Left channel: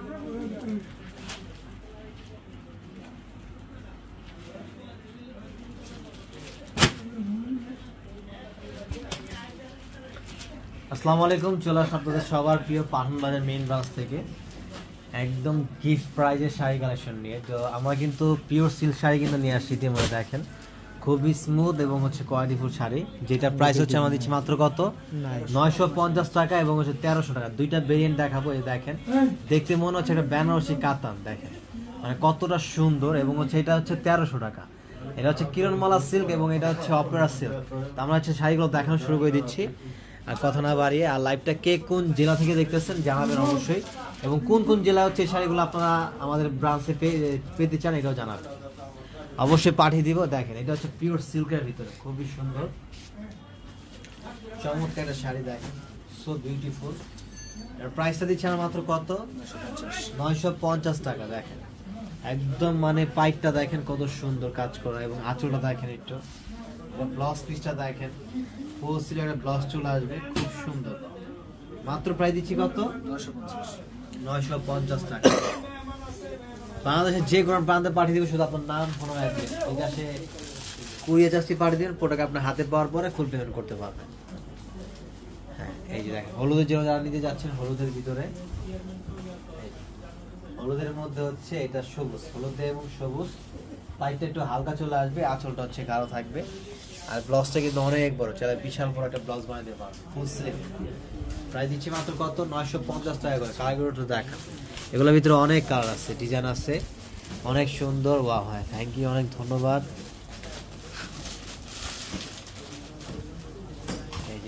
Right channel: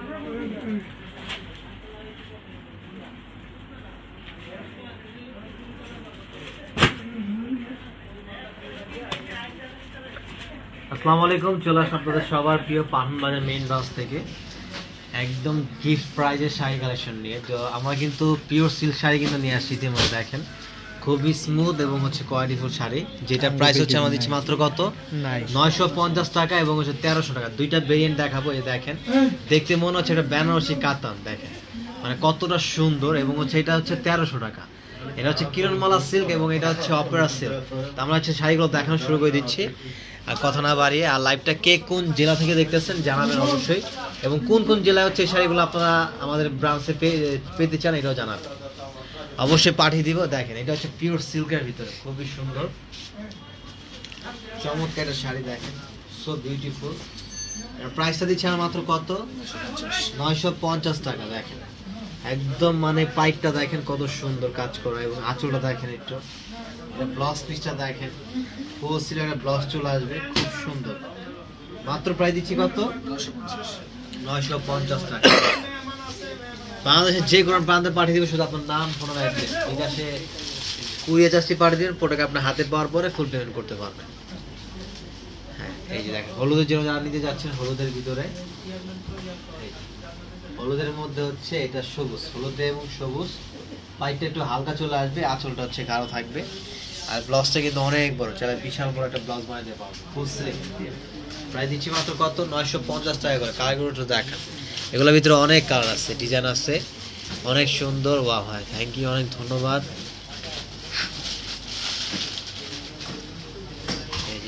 আসসালামু আলাইকুম, চলে আসলাম আপনাদের সবার প্রিয় পাঠান বাজার মেইন ব্রাঞ্চ থেকে একদম গিফট প্রাইজের শাড়ি কালেকশন নিয়ে। তো আমরা কিন্তু পিওর সিল্ক শাড়ি কিন্তু নিয়ে আসছি। ইতিমধ্যে দেখেন খুবই স্মুথ এবং হচ্ছে কোয়ালিটিফুল শাড়ি, যেটা প্রাইস হচ্ছে আমরা দিচ্ছি মাত্র কত 950 টাকা এবং হচ্ছে 1300 টাকা। দুইটা ভেরিয়েন্ট দেখাবো। এই দেখেন, দেখতে মনে হচ্ছে এটা বেনারসি কাতান, দেখেন মানে কতটা সুন্দর। এবং হচ্ছে এটা হচ্ছে 1300 টাকা। এটা হচ্ছে কিরণমালা সিল্ক এবং এটা হচ্ছে অপেরা সিল্ক। আমরা হচ্ছে শাড়িগুলো দেখানো শুরু করে দিচ্ছি, আর কথা না বাড়িয়ে। আর লাইভটা কে কোন জেলা থেকে দেখতেছেন জানাবেন অবশ্যই, এবং কোন কোন জেলায় হচ্ছে এই শাড়িগুলো আপনারা আমাদের ব্রাঞ্চে পেতে চান এটাও জানাবেন, অবশ্যই পাঠিয়ে দিব। দেখেন এটা হচ্ছে পিওর সিল্কের ভিতরে খুবই সুন্দর চমৎকার একটা শাড়ি, দেখেন সো বিউটিফুল। প্রাইসটা দিচ্ছি আমরা মাত্র কত 950 টাকা। দেখেন একদম মানে পাইপটা দেখেন কত সুন্দর কাজ করা, এবং আঁচলটা দেখেন একটু, ব্লাউজ পিসটা দেখেন ফুল সিল্কের ব্লাউজ চলে আসবে, খুব সুন্দর। মাত্র প্রাইস দিচ্ছি কত 950 টাকা। বাংলাদেশের যে কোনো প্রান্তে পাঠিয়ে দিব, শুধু আপনার নাম ফোন অ্যাড্রেস বিকাশে কুরিয়ার চার্জটি পাঠিয়ে দিন। প্রোডাক্ট আপনার হাতে পাওয়ার পরে ফুল পেমেন্ট করতে পারবেন। হ্যাঁ, এই যে দেখেন হলুদের জন্য যারা নিতে যাচ্ছেন, হলুদের ভিতরে হলুদের মধ্যে হচ্ছে এটা সবুজ, হলুদে এবং সবুজ। পাইপটা একটু হালকা চলে আসবে, আঁচলটা হচ্ছে গাঢ় থাকবে, আর ব্লাউজটা কিন্তু অনেক বড়, চাইলে বিশাল বড় একটা ব্লাউজ বানাতে পারবে ফুল স্লিভ দিয়ে। প্রায় দিচ্ছি মাত্র কত 950 টাকা করে। কালারগুলো একটু দেখেন, এগুলোর ভিতরে অনেক কালার আছে, ডিজাইন আছে, অনেক সুন্দর। ওয়াও ভাই, থ্যাংক ইউ, অনেক ধন্যবাদ।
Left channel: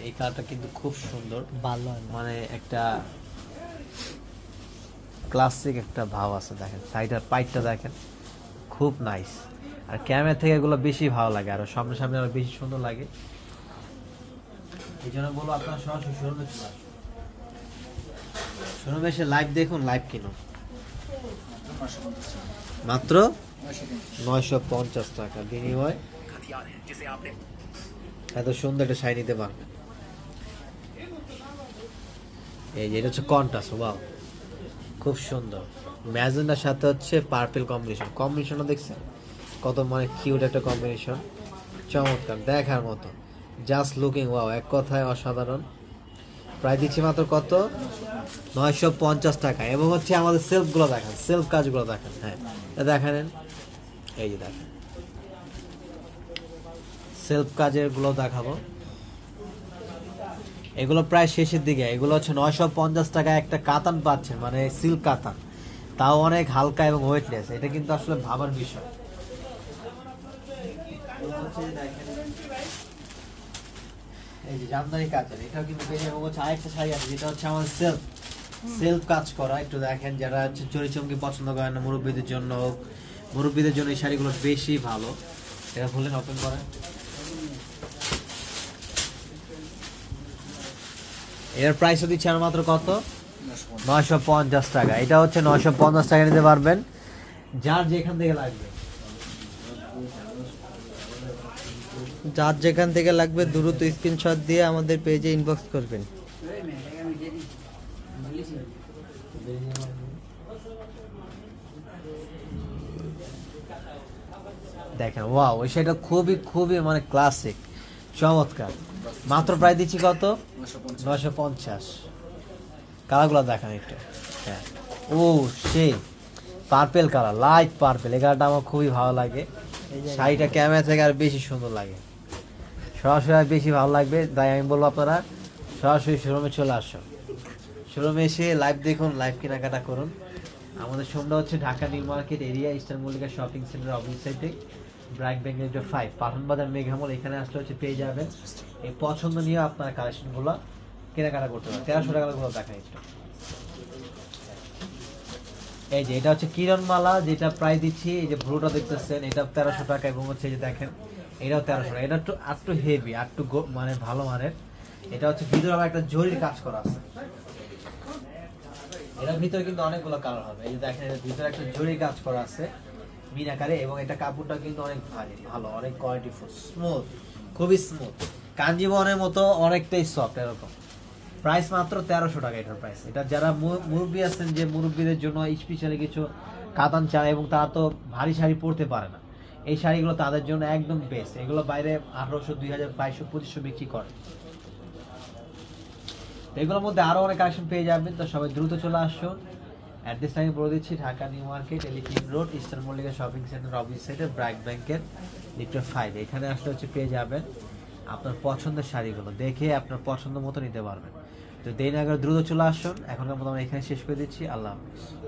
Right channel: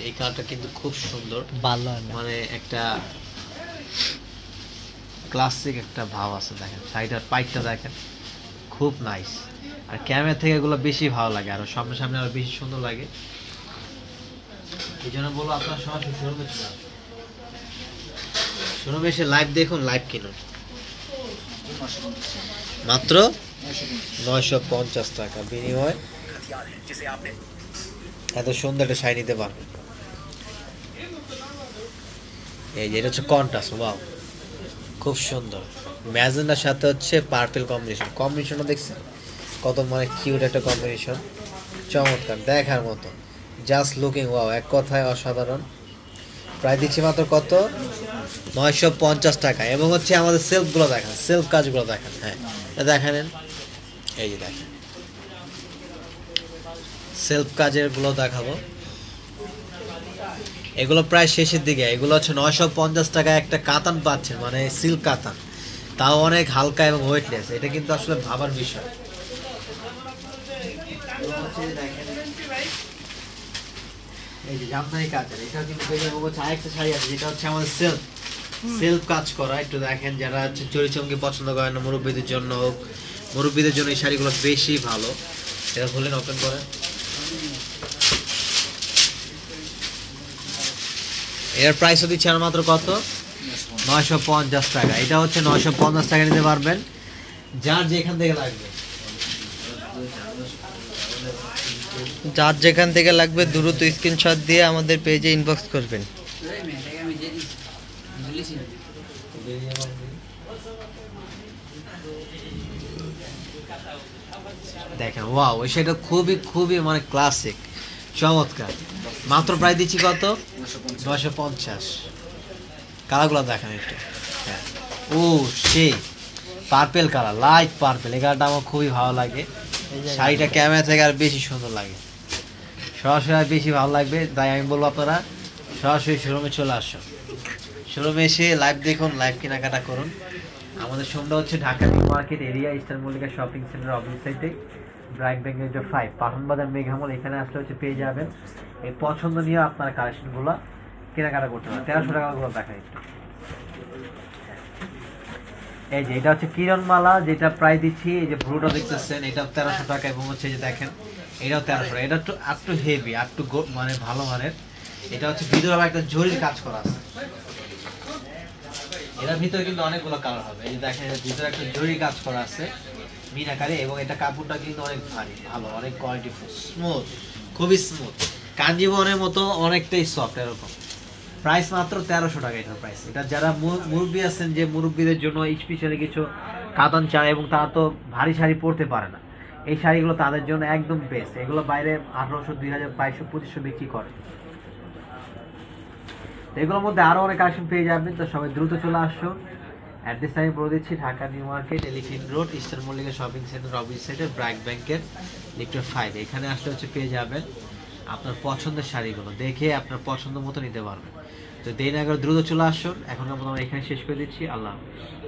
এই কালারটা কিন্তু খুব সুন্দর, ভালো, মানে একটা ক্লাসিক একটা ভাব আছে। দেখেন শাড়িটার পাইপটা দেখেন খুব নাইস, আর ক্যামেরা থেকে এগুলো বেশি ভালো লাগে, আর সামনে সামনে আরো বেশি সুন্দর লাগে। এই জন্য বলবো আপনার সরাসরি শোরুমে চলে আসুন, শোরুমে এসে লাইভ দেখুন, লাইভ কিনুন। মাত্র 950 টাকা বিনিময় এত সুন্দর একটা শাড়ি নিতে পারবেন। এই যে এটা হচ্ছে কন্ট্রাস্ট, ওয়াও খুব সুন্দর। ম্যাজেন্ডার সাথে হচ্ছে পার্পল কম্বিনেশনও দেখছেন কত মানে কিউট একটা কম্বিনেশন, চমৎকার দেখার মতো, জাস্ট লুকিং ওয়াও, এক কথায় অসাধারণ। প্রায় দিচ্ছি মাত্র কত 950 টাকা। এবং হচ্ছে আমাদের সেলফগুলো দেখেন, সেলফ কাজগুলো দেখেন। হ্যাঁ দেখেন, এই যে দেখেন সেলফ কাজের গুলো দেখাবো। এগুলো প্রায় শেষের দিকে, এগুলো হচ্ছে 950 টাকা একটা কাতান পাচ্ছেন, মানে সিল্ক কাতান, তাও অনেক হালকা এবং ওয়েটলেস। এটা কিন্তু আসলে ভাবার বিষয়। এই যে জামদানি কাতান, এটা কিন্তু হচ্ছে আরেকটা শাড়ি আছে যেটা হচ্ছে আমাদের সেলফ কাজ করা। একটু দেখেন, যারা হচ্ছে চমকি পছন্দ করেন না, মুরব্বীদের জন্য হোক, মুরব্বীদের জন্য এই শাড়িগুলো বেশি ভালো। এটা খুলেন, ওপেন করেন। এর প্রাইসও দিচ্ছে আর মাত্র কত 950 টাকা। এটা হচ্ছে 950 টাকা নিতে পারবেন, যার যেখান থেকে লাগবে, যার যেখান থেকে লাগবে দ্রুত স্ক্রিনশট দিয়ে আমাদের পেজে ইনবক্স করবেন। দেখেন ওয়াও, সেটা খুবই খুবই মানে ক্লাসিক, চমৎকার। মাত্র প্রায় দিচ্ছি কত 950। কালারগুলো দেখেন একটু, হ্যাঁ ও সেই পার্পেল কালার, লাইট পার্পেল, এই কালারটা আমার খুবই ভালো লাগে। শাড়িটা ক্যামেরা থেকে আর বেশি সুন্দর লাগে, সরাসরি আর বেশি ভালো লাগবে। তাই আমি বলবো আপনারা সরাসরি শোরুমে চলে আসুন, শোরুমে এসে লাইভ দেখুন, লাইভ কেনাকাটা করুন। আমাদের শোরুমটা হচ্ছে Dhaka new market area, eastern Mallika shopping centre opposite সাইডে, ব্রাইট ব্যাংক 5 পাঠান বাজার মেঘামল। এখানে আসলে হচ্ছে পেয়ে যাবেন এই পছন্দ নিয়ে আপনারা কালেকশনগুলো কেনাকাটা করতে পারেন। 1300 টাকাগুলো দেখা একটু। এই যে এটা হচ্ছে কিরণমালা, যেটা প্রায় দিচ্ছি, এই যে ব্লুটা দেখতেছেন, এটা 1300 টাকা। এবং হচ্ছে যে দেখেন এটাও 1300 টাকা। এটা একটু হেভি, একটু মানে ভালো মানের। এটা হচ্ছে ভিতরে আবার একটা জরির কাজ করা আছে, এটার ভিতরে কিন্তু অনেকগুলো কালার হবে। এই যে দেখেন এর ভিতরে একটা জরি কাজ করা আছে মিনাকারে, এবং এটা কাপড়টা কিন্তু অনেক ভারী, ভালো, অনেক কোয়ালিটিফুল, স্মুথ, খুবই স্মুথ, কাঞ্জিবনের মতো অনেকটাই সফট এরকম। প্রাইস মাত্র 1300 টাকা এটার প্রাইস। এটা যারা মুরব্বী আছেন, যে মুরব্বীদের জন্য স্পেশালি কিছু কাতান চায় এবং তারা তো ভারী শাড়ি পরতে পারে না, এই শাড়িগুলো তাদের জন্য একদম বেস্ট। এগুলো বাইরে 1800, 2000, 2200, 2500 বিক্রি করে। এগুলোর মধ্যে আরো অনেক কালেকশন পেয়ে যাবেন, তো সবাই দ্রুত চলে আসুন। অ্যাড্রেস আমি বলে দিচ্ছি, Dhaka new market, elephant road, eastern Mallika shopping centre, office centre, BRAC ব্যাংকের লিফটের 5। এখানে আসলে হচ্ছে পেয়ে যাবেন আপনার পছন্দের শাড়িগুলো, দেখে আপনার পছন্দ মতো নিতে পারবেন। তো দেরি না করে দ্রুত চলে আসুন। এখন আমরা এখানে শেষ করে দিচ্ছি। আল্লাহ হাফেজ।